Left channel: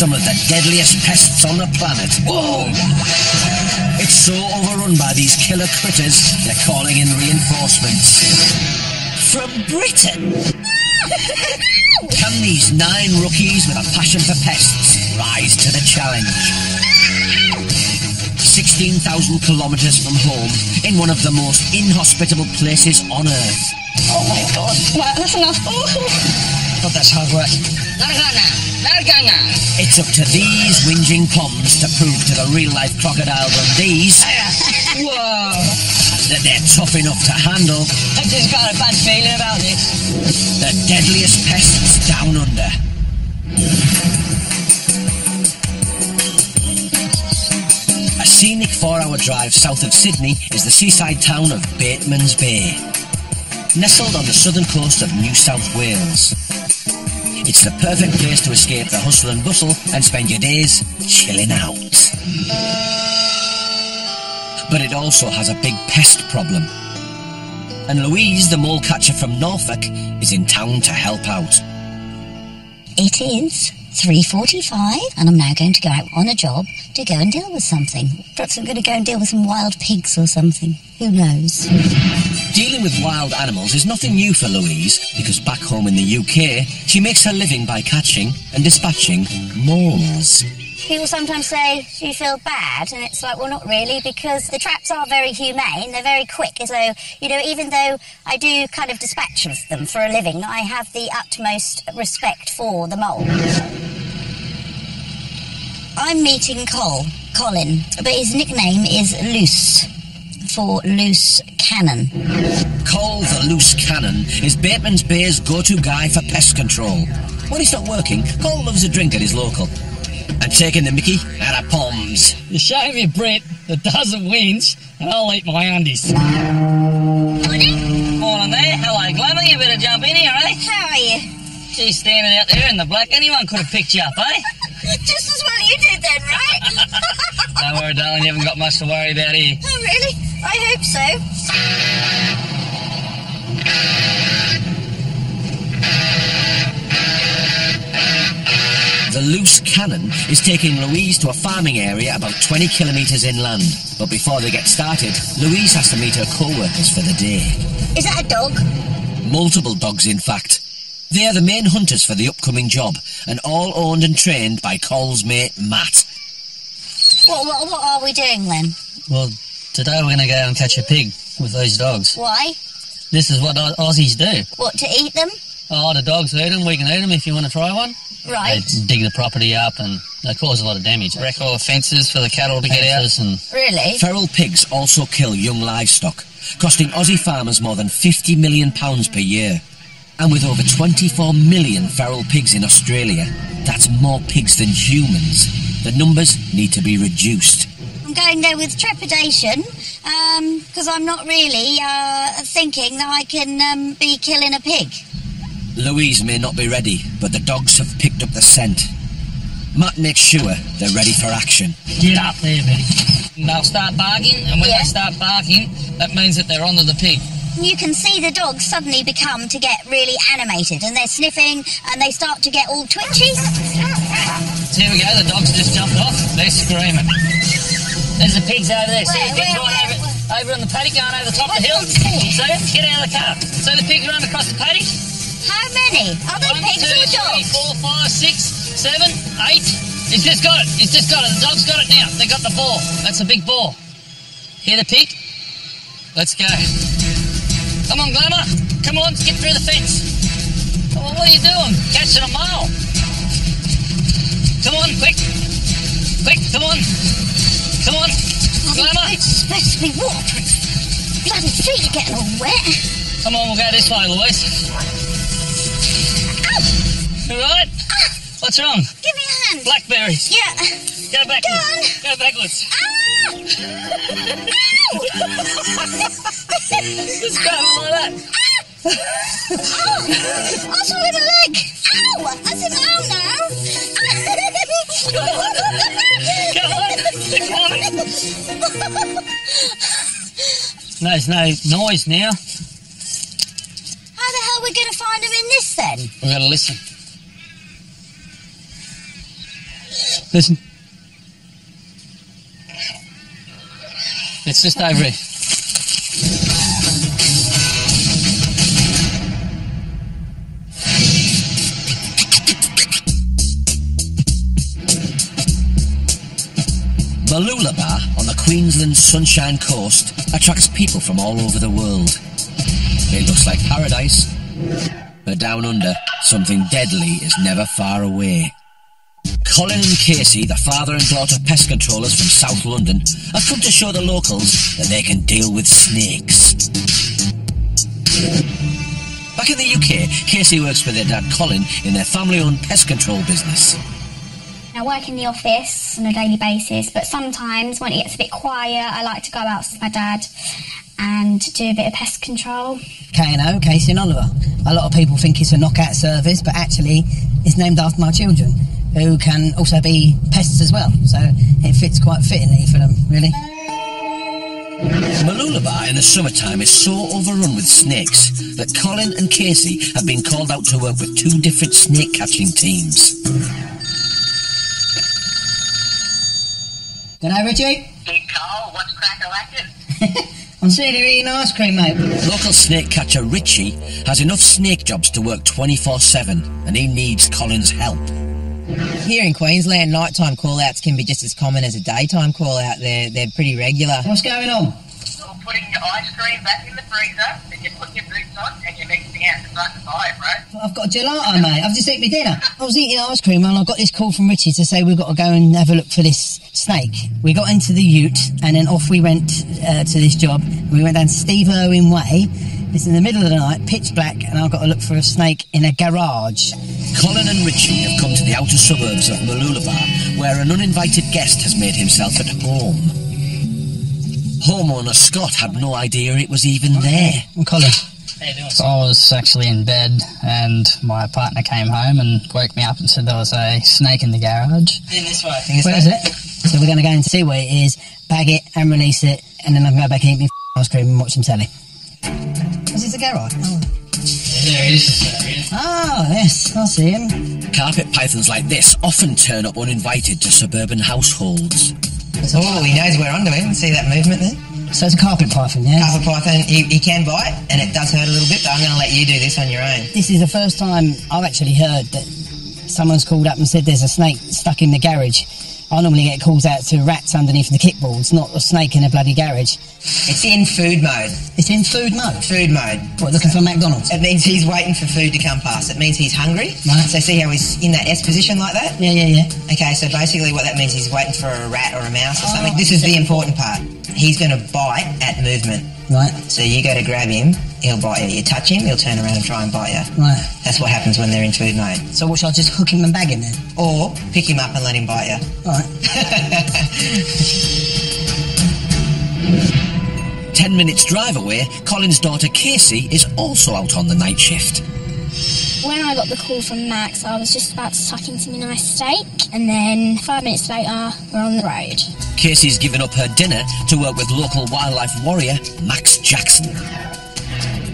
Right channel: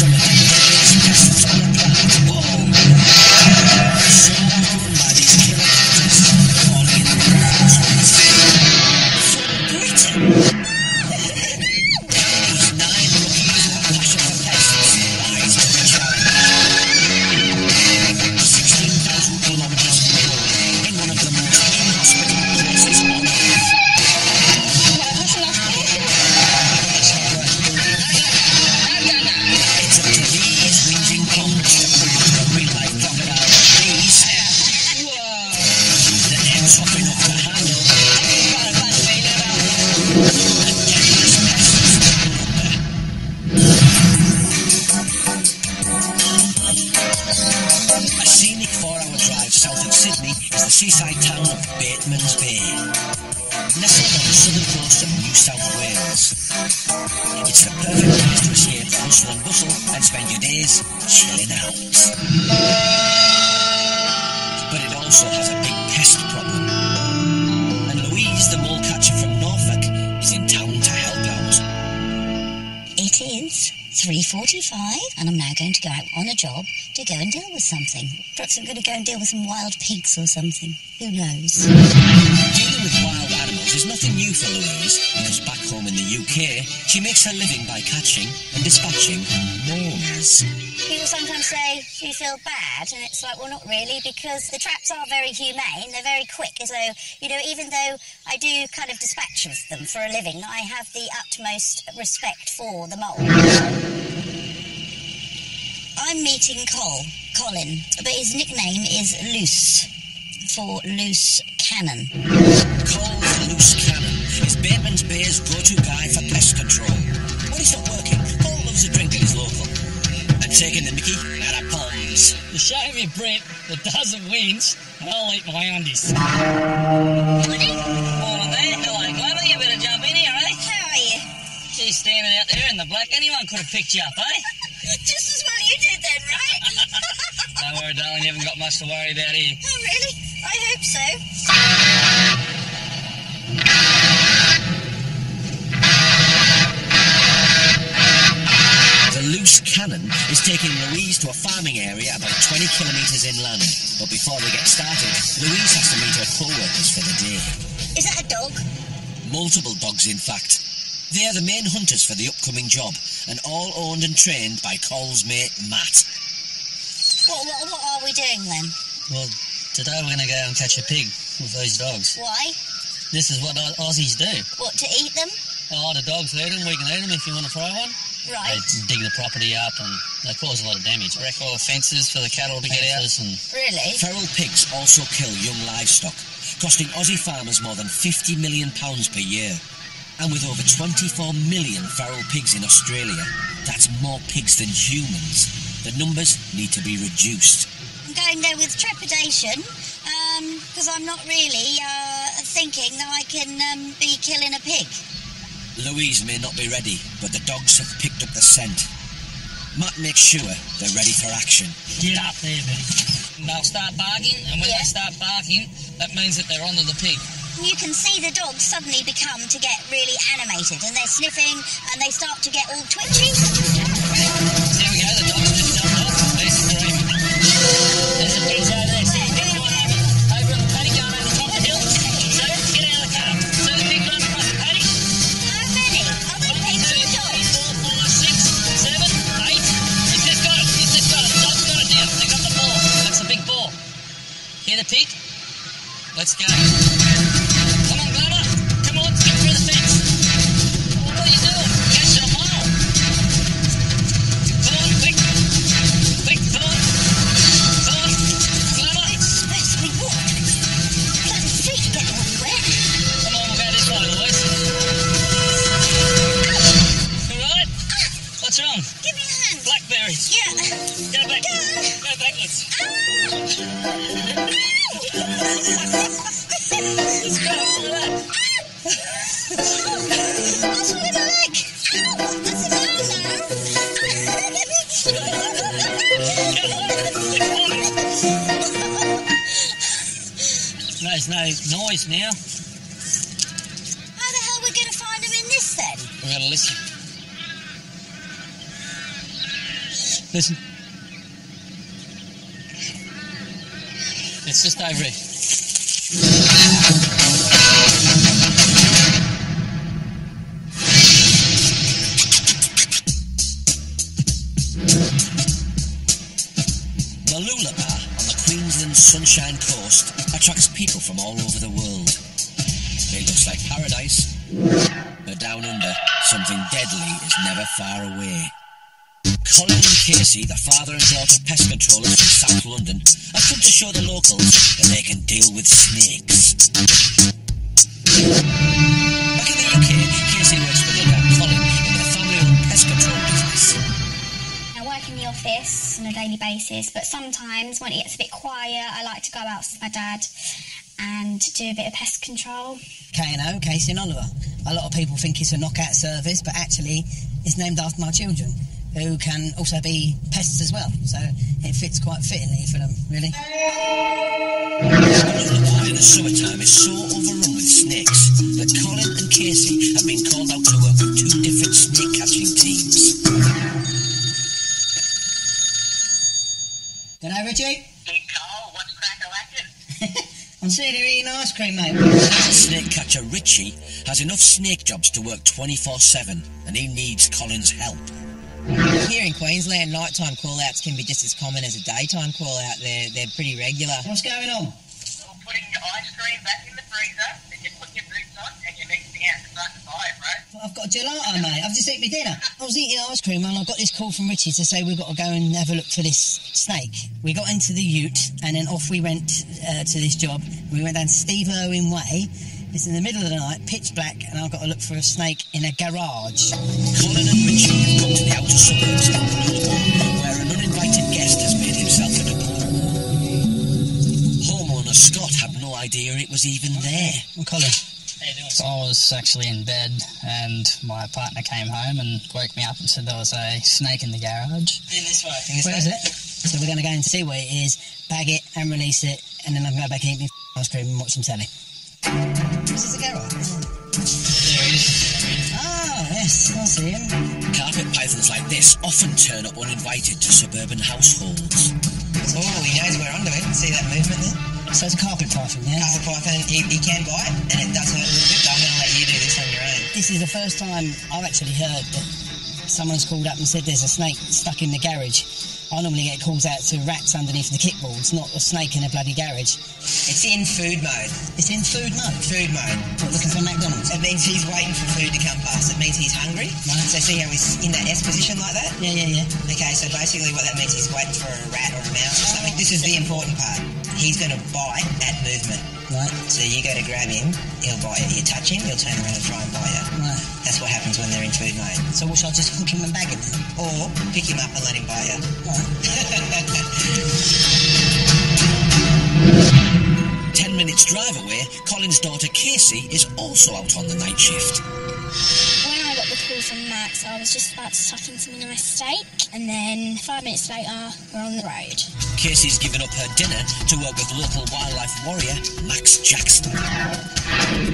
some of the deadliest pests on the planet. Whoa! It's so overrun by these killer critters, they're calling in reinforcements. From Britain? Can these 9 rookies with a passion for pests rise to the challenge? 16,000 kilometres from home, in one of the most inhospitable places on Earth. Oh my God, right, that's enough. But that's hard work. It's up to these whinging poms to prove to the real-life crocodile Dundees Whoa! that they're tough enough to handle. I just got a bad feeling about this. The deadliest pests down under. A scenic 4-hour drive south of Sydney is the seaside town of Bateman's Bay, nestled on the southern coast of New South Wales. It's the perfect place to escape the hustle and bustle and spend your days chilling out. But it also has a big pest problem. And Louise, the mole catcher from Norfolk, is in town to help out. It is 3:45 and I'm now going to go out on a job to go and deal with something. Perhaps I'm going to go and deal with some wild pigs or something. Who knows? Dealing with wild animals is nothing new for Louise, because back home in the UK, she makes her living by catching and dispatching moles. People sometimes say, do you feel bad? And it's like, well, not really, because the traps are very humane, they're very quick. So, you know, even though I do kind of dispatch of them for a living, I have the utmost respect for the mole. I'm meeting Colin, but his nickname is Loose, for Loose Cannon. Cole the Loose Cannon is Bateman's Bay's go-to guy for pest control. When he's not working, Cole loves a drink at his local. And taking the mickey out of poms. You show me Brett that doesn't whinge, and I'll eat my undies. Morning. Morning there. Hello, Glamour. You better jump in here, eh? How are you? She's standing out there in the black. Anyone could have picked you up, eh? Just as well you did then, right? Don't worry, darling. You haven't got much to worry about here. Oh, really? I hope so. The Loose Cannon is taking Louise to a farming area about 20 kilometres inland. But before they get started, Louise has to meet her co-workers for the day. Is that a dog? Multiple dogs, in fact. They are the main hunters for the upcoming job, and all owned and trained by Cole's mate, Matt. What are we doing then? Well, today we're going to go and catch a pig with these dogs. Why? This is what Aussies do. What, to eat them? Oh, the dogs eat them. We can eat them if you want to try one. Right. They dig the property up and they cause a lot of damage. Wreck all the fences for the cattle to get out. And Really? Feral pigs also kill young livestock, costing Aussie farmers more than £50 million per year. And with over 24 million feral pigs in Australia, that's more pigs than humans. The numbers need to be reduced. I'm going there with trepidation, because I'm not really thinking that I can be killing a pig. Louise may not be ready, but the dogs have picked up the scent. Matt makes sure they're ready for action. get up there, Betty. And they'll start barking, and when Yeah. they start barking, that means that they're onto the pig. You can see the dogs suddenly become to get really animated, and they're sniffing, and they start to get all twitchy. So here we go, the dogs just jumped off. They're screaming. There's the pigs over there. See the pigs going over on the paddock, going over the top of the hill. So get out of the car. So the pigs run across the paddock. How many? Are they 1, pigs 2, or 3, dogs? 4, 5, 6, 7, 8. He's just got it. He's just got it. The dog's got it now. They got the ball. That's a big ball. Hear the pig? Let's go. Come on, Glamour. Come on, get through the fence. Oh, what are you doing? Catching a mole. Come on, quick. Quick, come on. Come on. Glamour. It's supposed to be water. Bloody feet are getting all wet. Come on, we'll go this way, Louise. Ow! You right? What's wrong? Give me a hand. Blackberries. Yeah. Go backwards. Go Go backwards. Ah! Ow! Just go like that. Ow! I swallowed a leg. Ow! That's an ow now. Come on. There's no noise now. How the hell are we going to find them in this then? We've got to listen. Listen. It's just over here. Mooloolaba on the Queensland Sunshine Coast attracts people from all over the world. It looks like paradise, but down under, something deadly is never far away. Colin and Casey, the father and daughter pest controllers from South London, have come to show the locals that they can deal with snakes. Back in the UK, Casey works with their dad Colin in their family-owned pest control business. I work in the office on a daily basis, but sometimes when it gets a bit quiet, I like to go out with my dad and do a bit of pest control. K&O, Casey and Oliver. A lot of people think it's a knockout service, but actually it's named after my children, who can also be pests as well, so it fits quite fittingly for them, really. Mooloolaba in the summertime is so overrun with snakes that Colin and Casey have been called out to work with 2 different snake catching teams. G'day, Richie. Big Cole, what's crack-a-lackin'? I'm sitting here eating ice cream, mate. Local snake catcher Richie has enough snake jobs to work 24/7 and he needs Colin's help. Here in Queensland, nighttime call-outs can be just as common as a daytime call-out. They're pretty regular. What's going on? You're putting your ice cream back in the freezer, then you're putting your boots on, and you're mixing out to start the fire, bro. I've got a gelato, mate. I've just eaten my dinner. I was eating ice cream and I got this call from Richie to say we've got to go and have a look for this snake. We got into the ute and then off we went to this job. We went down Steve Irwin Way. It's in the middle of the night, pitch black, and I've got to look for a snake in a garage. Colin and Richie have come to the outer suburbs of Mooloolaba, where an uninvited guest has made himself at home. Homeowner Scott had no idea it was even there. And Colin. How you doing? So I was actually in bed and my partner came home and woke me up and said there was a snake in the garage. In this way. Where is it? So we're going to go and see where it is, bag it and release it, and then I can go back and eat my ice cream and watch some telly. Is it the garage? Oh. There he is. Oh, yes, I see him. Carpet pythons like this often turn up uninvited to suburban households. Oh, he knows we're onto him. See that movement there? So it's a carpet python, yeah? Carpet python, he can bite, and it does hurt a little bit, but I'm going to let you do this on your own. This is the first time I've actually heard that someone's called up and said there's a snake stuck in the garage. I normally get calls out to rats underneath the kickboards, not a snake in a bloody garage. It's in food mode. It's in food mode? Food mode. What, looking for McDonald's? It means he's waiting for food to come past. It means he's hungry. Right. So see how he's in that S position like that? Yeah. Okay, so basically what that means is he's waiting for a rat or a mouse or something. This is the important part. He's going to bite at movement. Right. So you go to grab him, he'll bite you. You touch him, he'll turn around and try and bite you. Right. That's what happens when they're in food mode. So what, should I just hook him and bag him then? Or pick him up and let him bite you. Right. 10 minutes drive away, Colin's daughter Casey is also out on the night shift. When I got the call from Max, I was just about to tuck into my nice steak, and then 5 minutes later, we're on the road. Casey's given up her dinner to work with local wildlife warrior Max Jackson.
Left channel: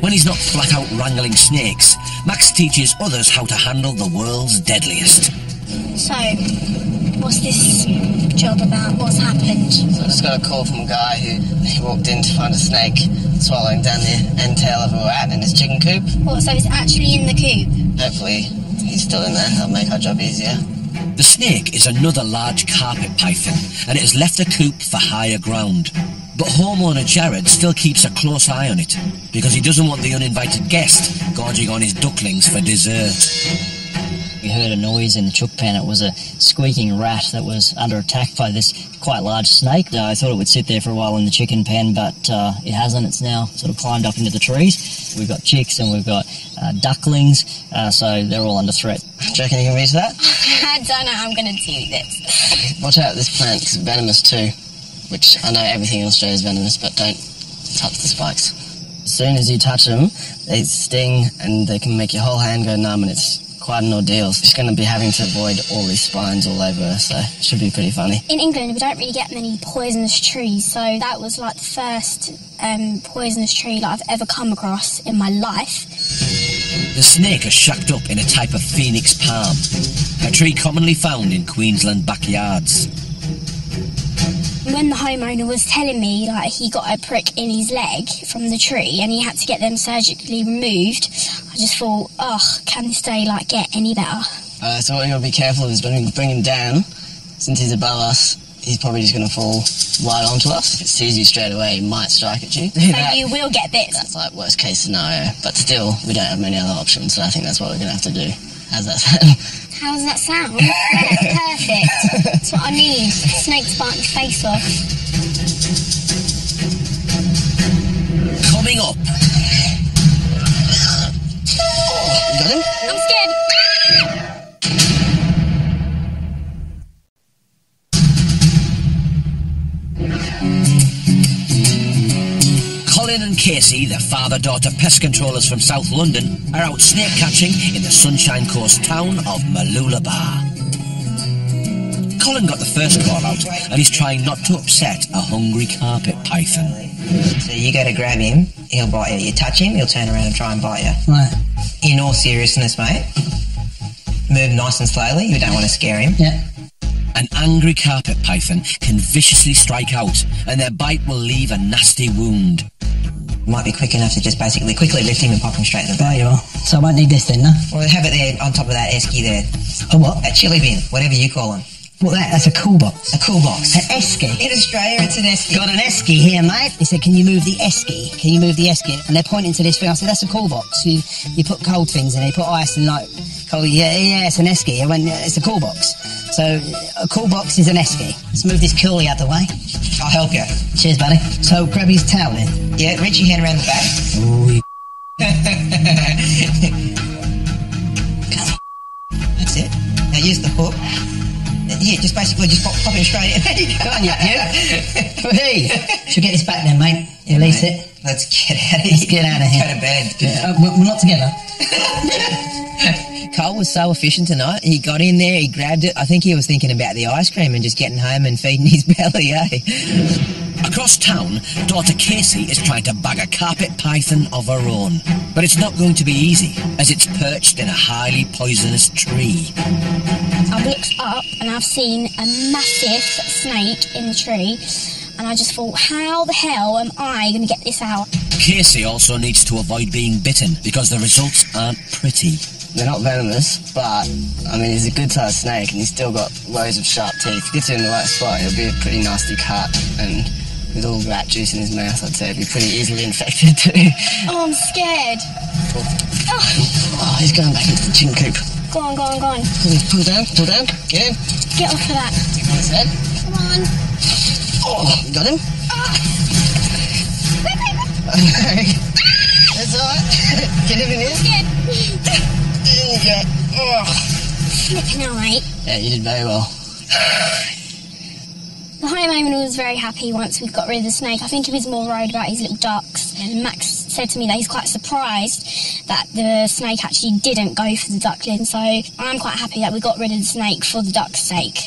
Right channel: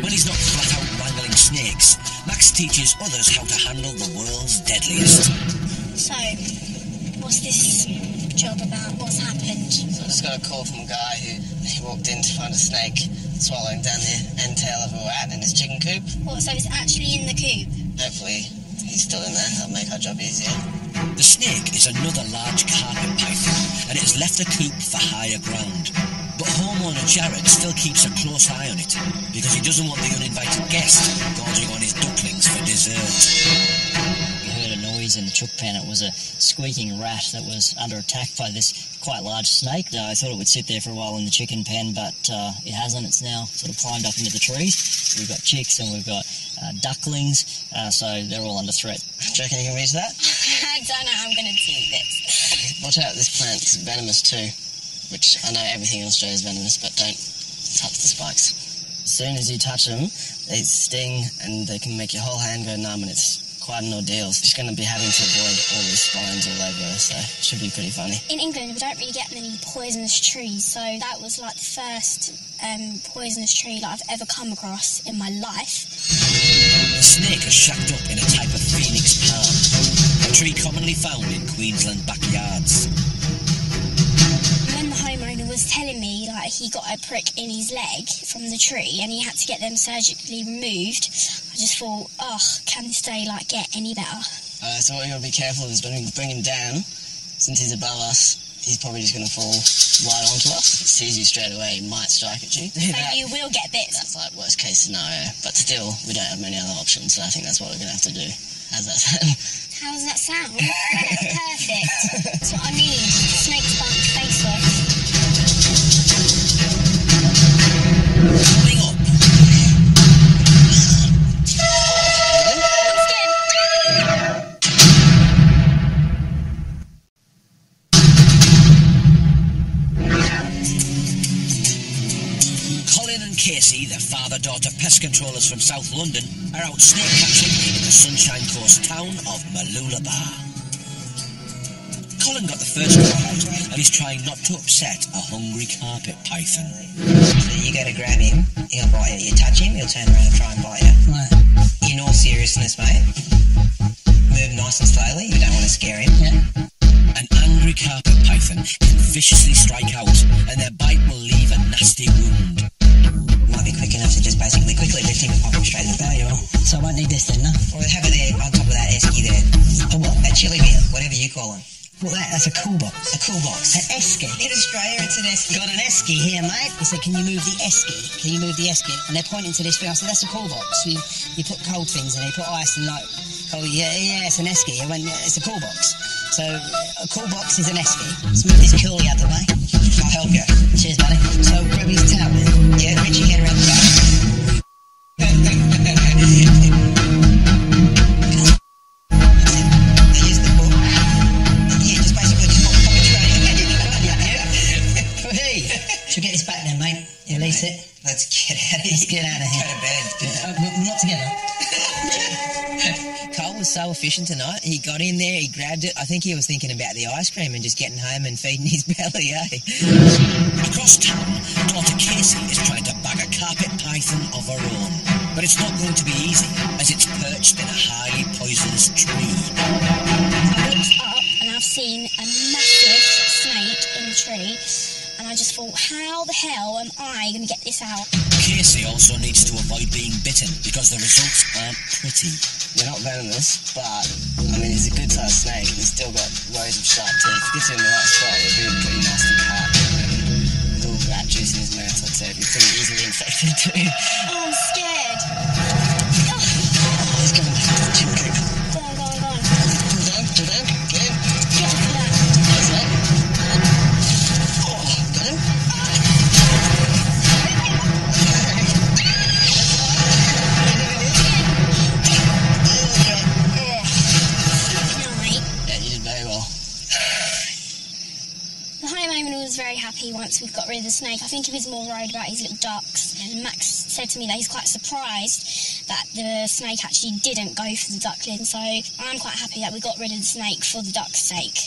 When he's not flat out wrangling snakes, Max teaches others how to handle the world's deadliest. So, what's this job about? What's happened? So I just got a call from a guy who walked in to find a snake swallowing down the end tail of a rat in his chicken coop. What, so it's actually in the coop? Hopefully he's still in there. That'll make our job easier. The snake is another large carpet python, and it has left the coop for higher ground. But homeowner Jared still keeps a close eye on it, because he doesn't want the uninvited guest gorging on his ducklings for dessert. We heard a noise in the chook pen. It was a squeaking rat that was under attack by this quite large snake. I thought it would sit there for a while in the chicken pen, but it hasn't. It's now sort of climbed up into the trees. We've got chicks and we've got ducklings, so they're all under threat. Do you reckon you can reach that? I don't know how I'm going to do this. Watch out, this plant is venomous too, which I know everything in Australia is venomous, but don't touch the spikes. As soon as you touch them, they sting and they can make your whole hand go numb, and it's quite an ordeal. She's going to be having to avoid all these spines all over her, so it should be pretty funny. In England, we don't really get many poisonous trees, so that was like the first poisonous tree that I've ever come across in my life. The snake is shacked up in a type of phoenix palm. a tree commonly found in Queensland backyards. When the homeowner was telling me like he got a prick in his leg from the tree and he had to get them surgically removed, I just thought, oh, can this day like get any better? So what you got to be careful of is when we bring him down, since he's above us, he's probably just going to fall right onto us. If it sees you straight away, it might strike at you. So you will get bit. That's like worst case scenario, but still, we don't have many other options, so I think that's what we're going to have to do. How's that sound? How does that sound? Yeah, perfect. That's what I need. Snakes biting the face off. Coming up. Oh, you got him? I'm scared. Colin and Casey, the father-daughter pest controllers from South London, are out snake catching in the Sunshine Coast town of Mooloolaba. Colin got the first call out and he's trying not to upset a hungry carpet python. So you go to grab him, he'll bite you. You touch him, he'll turn around and try and bite you. Right. In all seriousness, mate, move nice and slowly. You don't want to scare him. Yeah. An angry carpet python can viciously strike out and their bite will leave a nasty wound. Might be quick enough to just basically quickly lift him and pop him straight in the There bag. you are. So I won't need this then, no? Or have it there on top of that esky there. A what? That chili bin, whatever you call them. What, that's a cool box. A cool box. An esky. In Australia, it's an esky. Got an esky here, mate. He said, can you move the esky? Can you move the esky? And they're pointing to this thing. I said, that's a cool box. You put cold things in it. You put ice and like cold. Yeah, it's an esky. I went, yeah, it's a cool box. So a cool box is an esky. Let's move this coolie out the way. I'll help you. Cheers, buddy. So grab his towel then. Yeah, reach your hand around the back. Ooh, you That's it. Now use the hook. Yeah, just basically just pop him straight in. There you go. Go on, you Hey, should we get this back then, mate? Release it. Let's get out of here. Let's get out of here. Go to bed. Yeah, we're not together. Cole was so efficient tonight. He got in there, he grabbed it. I think he was thinking about the ice cream and just getting home and feeding his belly, eh? Across town, daughter Casey is trying to bag a carpet python of her own. But it's not going to be easy, as it's perched in a highly poisonous tree. I've looked up and I've seen a massive snake in the tree, and I just thought, how the hell am I going to get this out? Casey also needs to avoid being bitten because the results aren't pretty. They're not venomous, but, I mean, he's a good-sized snake and he's still got rows of sharp teeth. If he gets you in the right spot, he'll be a pretty nasty cut, and with all that juice in his mouth, I'd say it'd be pretty easily infected too. Oh, I'm scared. Oh, he's going back into the chicken coop. Go on. Pull down, get in. Get off of that. That's it. Come on. Oh, you got him? That's alright. Get him in here. Yeah. Oh. Flipping alright. Yeah, you did very well. The homeowner was very happy once we got rid of the snake. I think he was more worried about his little ducks. And Max said to me that he's quite surprised that the snake actually didn't go for the duckling. So I'm quite happy that we got rid of the snake for the duck's sake.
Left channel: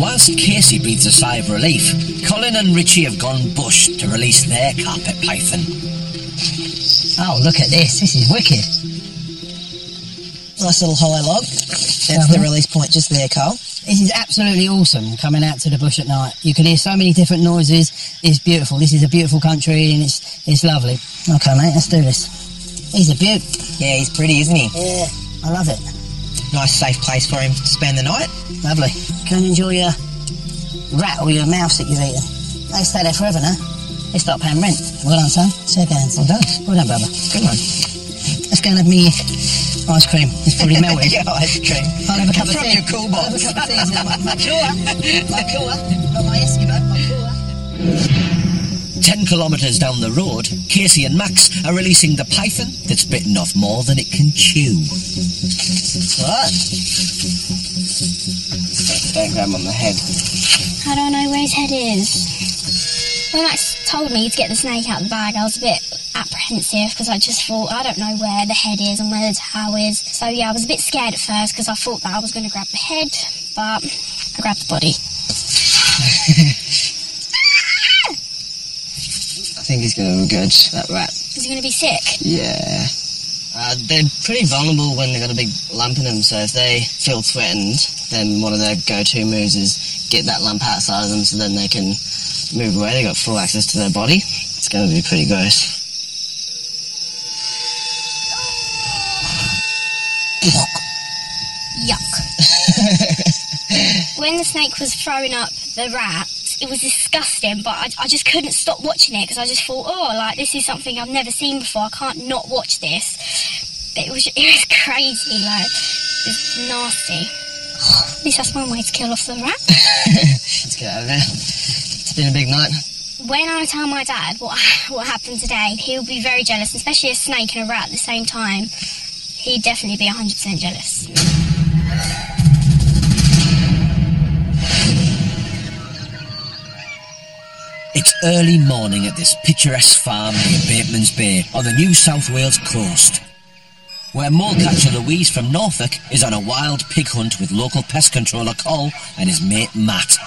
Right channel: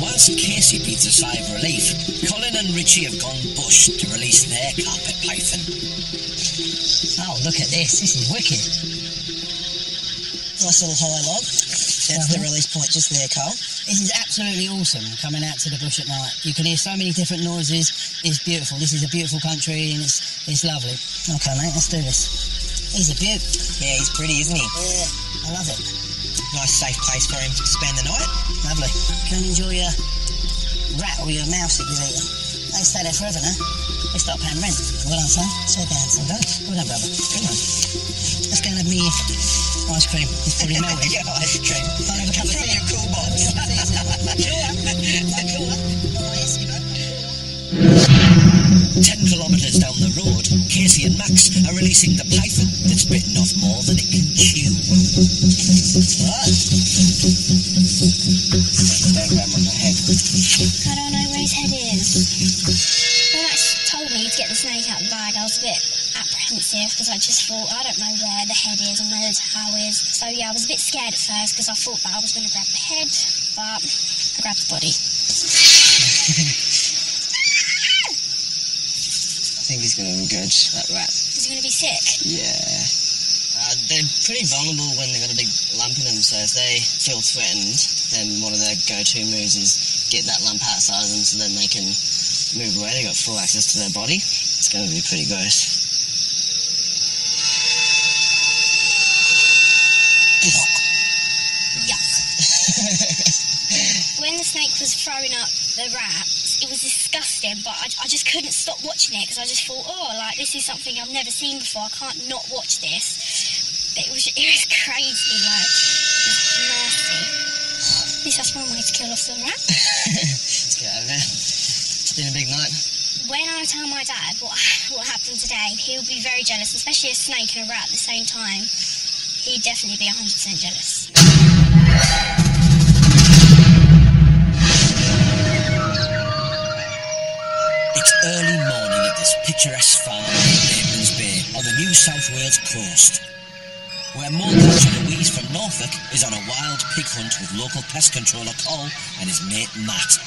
Whilst Casey breathes a sigh of relief, Colin and Richie have gone bush to release their carpet python. Oh, look at this. This is wicked. Nice little hollow log. That's the release point just there, Cole. This is absolutely awesome, coming out to the bush at night. You can hear so many different noises. It's beautiful. This is a beautiful country and it's lovely. Okay, mate, let's do this. He's a beaut. Yeah, he's pretty, isn't he? Yeah, I love it. Nice safe place for him to spend the night. Lovely. Can enjoy your rat or your mouse that you've eaten. They stay there forever now. They start paying rent. Well done, son. Shake hands. Well done. Well done, brother. Good one. Let's go and have me ice cream. It's probably melted. Yeah, ice cream. I'll have a cup of From tea. your cool box. I'll have a cup of tea. My cooler. My cooler. Not my Eskimo. My cooler. 10 kilometres down the road, Casey and Max are releasing the python that's bitten off more than it can chew. What? Don't grab him on the head. I don't know where his head is. When Max told me to get the snake out of the bag, I was a bit apprehensive because I just thought, I don't know where the head is and where the tail is. So yeah, I was a bit scared at first because I thought that I was going to grab the head, but I grabbed the body. I think he's going to regurgitate that rat. Is he going to be sick? Yeah. They're pretty vulnerable when they've got a big lump in them, so if they feel threatened, then one of their go-to moves is get that lump outside of them so then they can move away. They've got full access to their body. It's going to be pretty gross. Yuck. When the snake was throwing up the rats, it was disgusting, but I just couldn't stop watching it because I just thought, oh, like, this is something I've never seen before. I can't not watch this. But it was crazy, like, it was nasty. At least that's one way to kill off the rat. Let's get out of there. It's been a big night. When I tell my dad what happened today, he'll be very jealous, especially a snake and a rat at the same time. He'd definitely be 100% jealous. It's early morning at this picturesque farm near Bateman's Bay on the New South Wales coast, where molecatcher Louise from Norfolk is on a wild pig hunt with local pest controller Col and his mate Matt.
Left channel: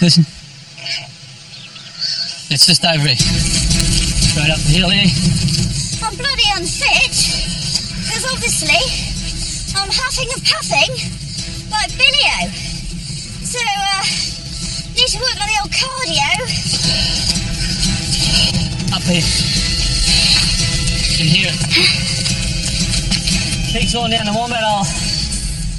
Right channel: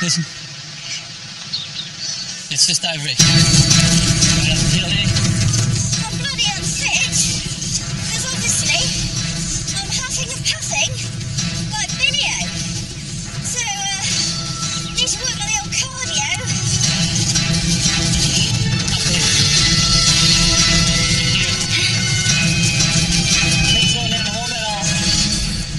Listen. It's just over here. Right up the hill here. I'm bloody unfit, because obviously I'm huffing and puffing like Billio. So, need to work on the old cardio. Up here. You can hear it. Pig's going down the wombat hole.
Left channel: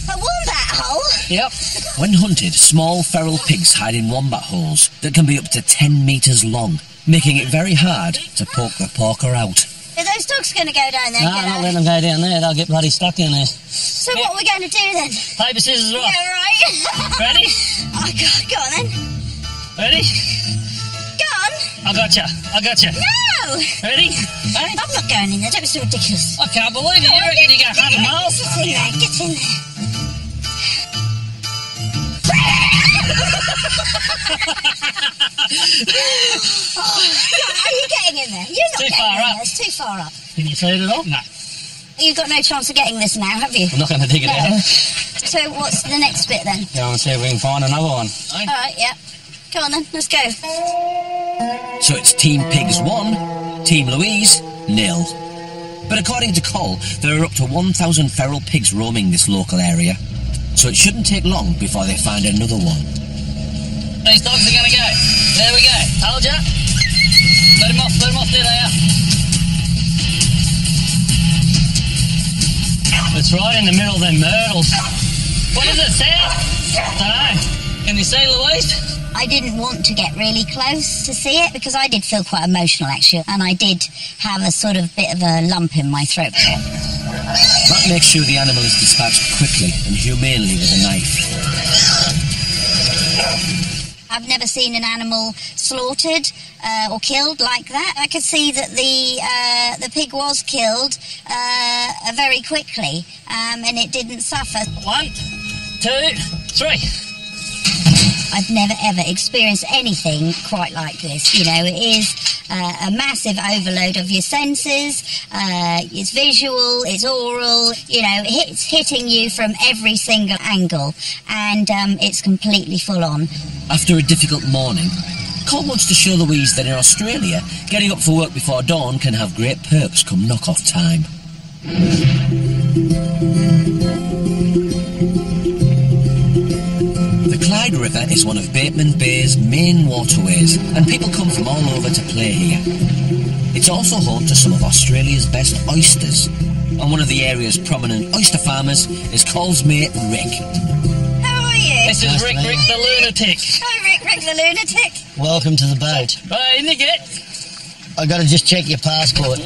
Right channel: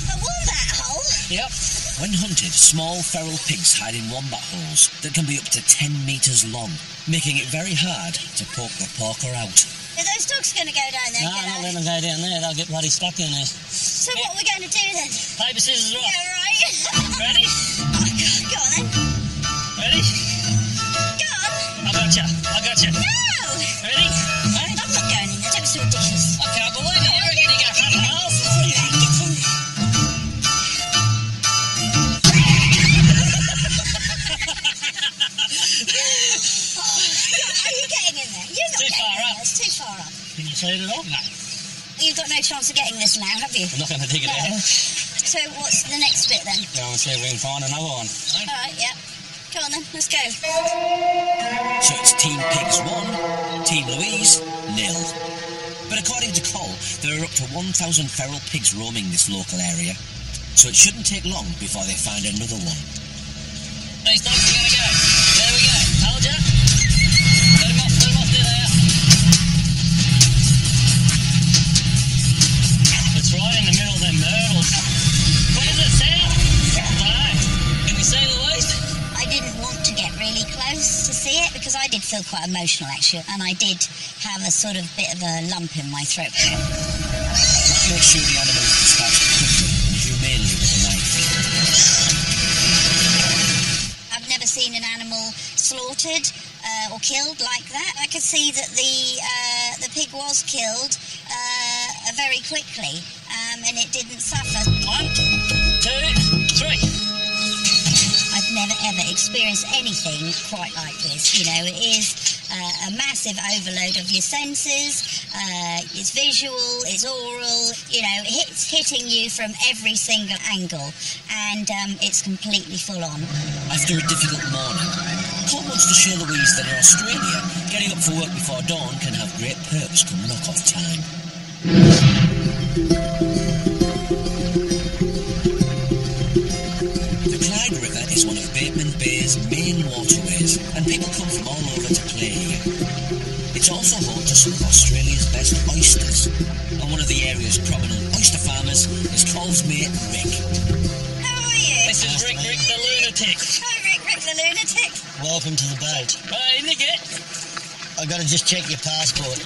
A wombat hole? Yep. When hunted, small feral pigs hide in wombat holes that can be up to 10 metres long, making it very hard to poke the porker out. Are those dogs going to go down there? No, I'm not letting them go down there. They'll get bloody stuck in there. So what are we going to do then? Paper, scissors, rock. Yeah, right. Ready? Oh, go on then. Ready? Go on. I got you. No! Ready? Hey? I'm not going in there. Don't be so ridiculous. I can't believe it. You reckon you go hunting miles? Get in there. Get in there. Oh, are you getting in there? You're not Too getting far in up. there. It's too far up. Can you feed it all? No. You've got no chance of getting this now, have you? I'm not going to dig it out. So what's the next bit then? Go and see if we can find another one. All right, yeah. Go on then. Let's go. So it's Team Pigs 1, Team Louise 0. But according to Col, there are up to 1,000 feral pigs roaming this local area, so it shouldn't take long before they find another one. These dogs are going to go. There we go. Told ya. Let them off. There they are. It's right in the middle of them myrtles. What does it sound? Dunno. Can you see, Louise? I didn't want to get really close to see it because I did feel quite emotional actually, and I did have a sort of bit of a lump in my throat. That makes sure the animal is dispatched quickly and humanely with a knife. I've never seen an animal slaughtered or killed like that. I could see that the pig was killed very quickly, and it didn't suffer. 1, 2, 3. I've never ever experienced anything quite like this. You know, it is a massive overload of your senses. It's visual, it's oral. You know, it's hitting you from every single angle, and it's completely full on. After a difficult morning, Col wants to show Louise that in Australia, getting up for work before dawn can have great perks come knock-off time. The Clyde River is one of Bateman Bay's main waterways, and people come from all over to play here. It's also home to some of Australia's best oysters, and one of the area's prominent oyster farmers is Col's mate Rick. How are you? This is Rick the lunatic. Hi, Rick the lunatic. Welcome to the boat. Right, isn't it good? I got to just check your passport.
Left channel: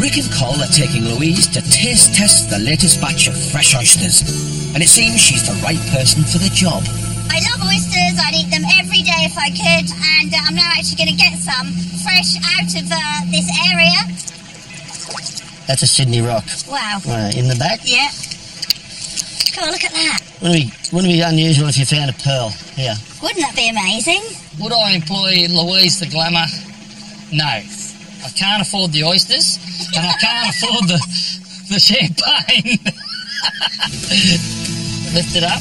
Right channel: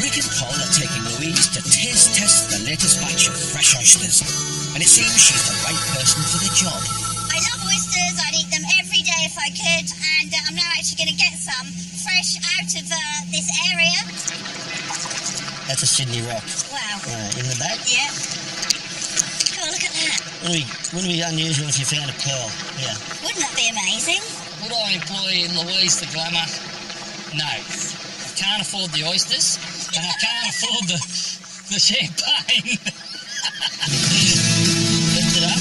Rick and Col are taking Louise to taste test the latest batch of fresh oysters, and it seems she's the right person for the job. I love oysters. I'd eat them every day if I could, and I'm now actually going to get some fresh out of this area. That's a Sydney rock. Wow. In the back. Yeah. Cool, look at that. Wouldn't it be unusual if you found a pearl here? Wouldn't that be amazing? Would I employ Louise the glamour? No. I can't afford the oysters, and I can't afford the champagne. Lift it up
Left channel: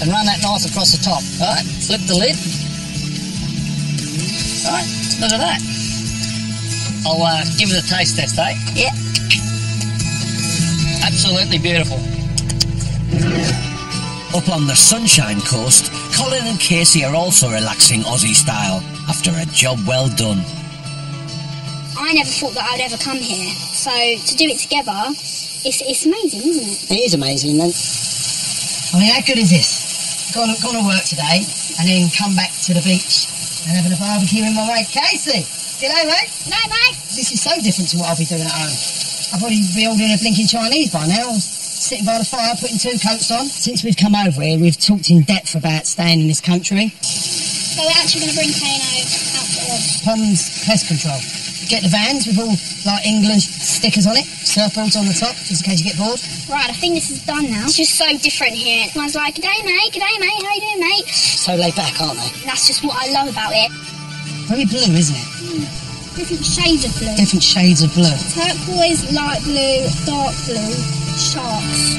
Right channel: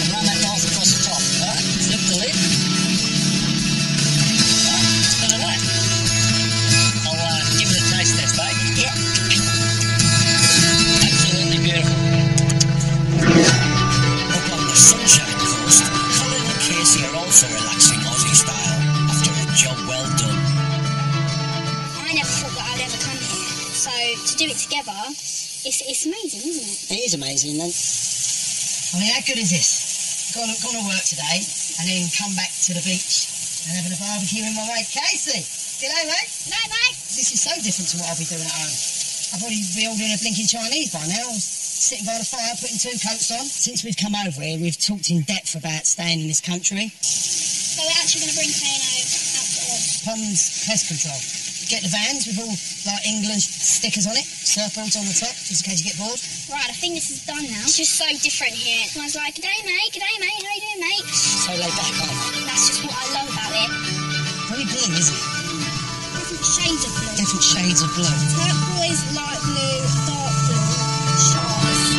and run that nice across the top. All right, flip the lid. All right, it's a bit of that. I'll give it a taste test, eh? Yeah. Absolutely beautiful. Up on the Sunshine Coast, Colin and Casey are also relaxing Aussie style after a job well done. I never thought that I'd ever come here, so to do it together, it's amazing, isn't it? It is amazing. And I mean, how good is this? Gone to work today and then come back to the beach and having a barbecue with my mate Casey. G'day, mate. No, mate. This is so different to what I'll be doing at home. I'll probably be ordering a blinking Chinese by now. Sitting by the fire, putting 2 coats on. Since we've come over here, we've talked in depth about staying in this country. So we're actually going to bring Kano out for Tom's Pest Control. Get the vans with all like English stickers on it, surfboards on the top, just in case you get bored. Right, I think this is done now. It's just so different here. Everyone's like, g'day mate, how you doing mate? So laid back, aren't they? That's just what I love about it. Very blue, isn't it? Different shades of blue. Different shades of blue. Turquoise, light blue, dark blue, sharks.